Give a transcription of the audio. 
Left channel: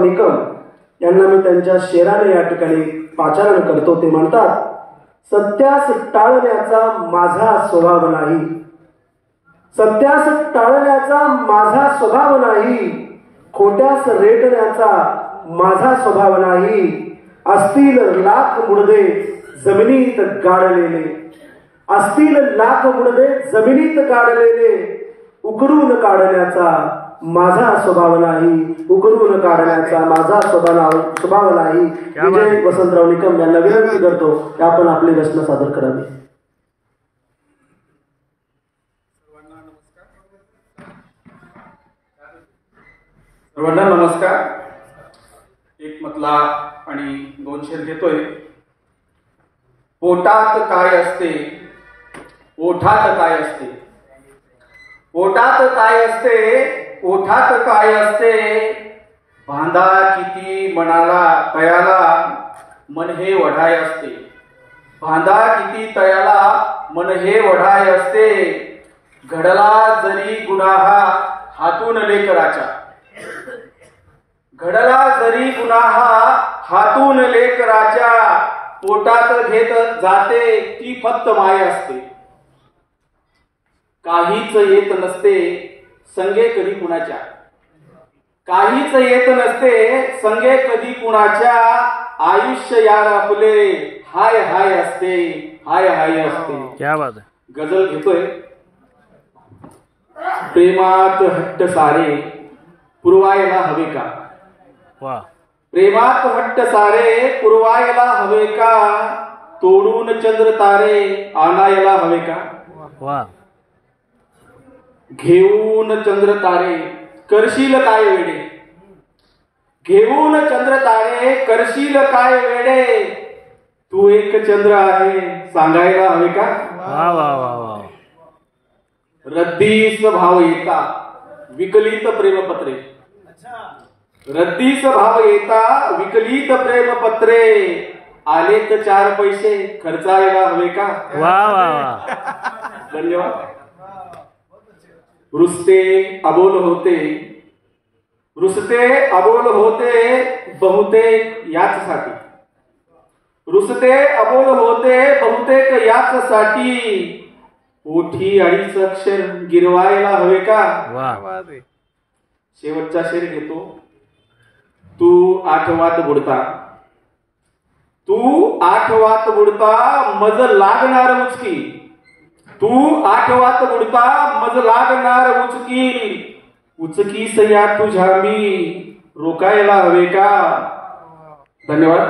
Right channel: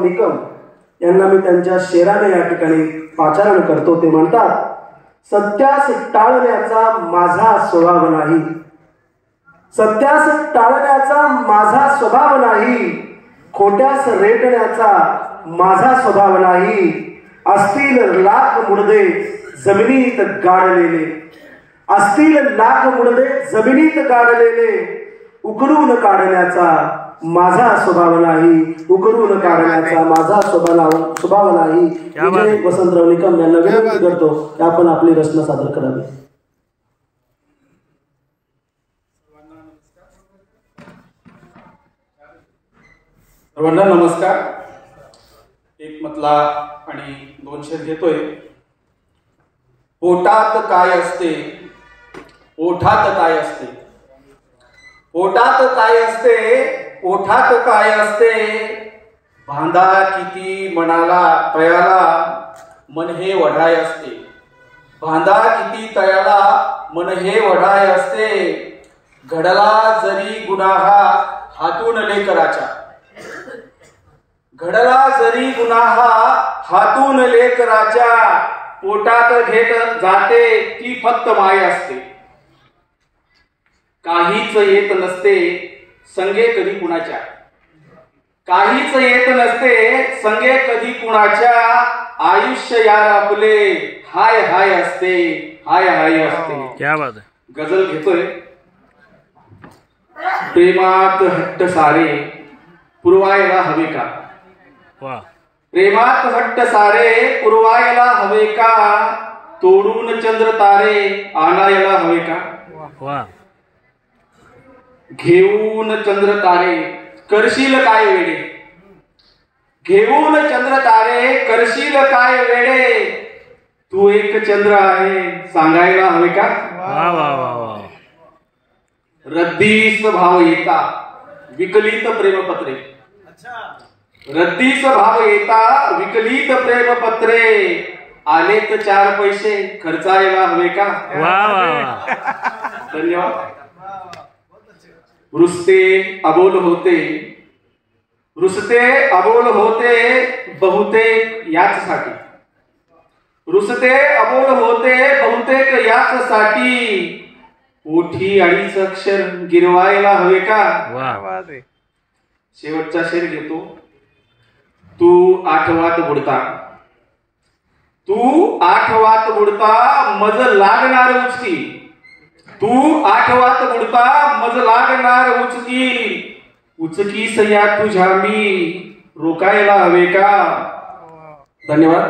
निकम यांना मी त्यांच्या शेराने या ठिकाणी पाचारण करतो। ते म्हणतात, सत्यास टाळण्याचा माझा स्वभाव नाही, सत्यास टाळण्याचा माझा स्वभाव नाही, खोट्यास रेटण्याचा माझा स्वभाव नाही। असतील लाख मुडदे जमिनीत गाडलेले, असतील लाख मुडदे जमिनीत गाडलेले, उकरून काढण्याचा माझा स्वभाव नाही, उकरून काढण्याचा माझा स्वभाव नाही। विजय वसंतराव निकम यांना विनंती करतो की आपण आपली रचना सादर करावी। सर्वांना नमस्कार। एक मतला आणि दोन शेर घेतोय। पोटात काय असते, ओठात काय असते, पोटात काय असते, ओठात काय असते, बांधा किती मनाला तयाला, मन हे वढाय असते, बांधा किती तयाला, मन हे वढाय असते। घडला जरी गुन्हा हातून लेकराच्या, घडला जरी गुन्हा हातून लेकराच्या, पोटात घेत जाते ती फक्त माय असते। काहीच येत नसते संगे कधी कुणाच्या, काहीच येत नसते संगे कधी कुणाच्या, आयुष्य यार आपले हाय हाय असते, हाय हाय असते। क्या बात है। गजल घेतोय। प्रेमात हट्ट सारे पुरवायला हवे का, वाह, प्रेमात हट्ट सारे पुरवायला हवे का, तोडून चंद्र तारे आणायला हवे का, वाह, घेऊन चंद्र तारे करशील काय वेडे, घेऊन चंद्र तारे करशील काय वेडे, तू एक चंद्र आहे सांगायला हवे का, वाह वाह वाह वाह। रद्दीस भाव येता विकलित प्रेमपत्रे, रद्दीस भाव येता विकलित प्रेमपत्रे, आलेत चार पैसे खर्चायला हवे का, वाह वाह वाह। धन्यवाद। रुसते अबोल होते, रुसते अबोल होते बहुतेक याचसाठी, रुसते अबोल होते बहुतेक याचसाठी, ओठी अडीच अक्षर गिरवायला हवे का, वाह। शेवटचा शेर घेतो। तू आठवात बुडता, तू आठवात बुडता मज लागणार उचकी, तू आठवात बुडता मज लागणार उचकी, उचकी सया तुझ्या मी रोकायला हवे का। धन्यवाद।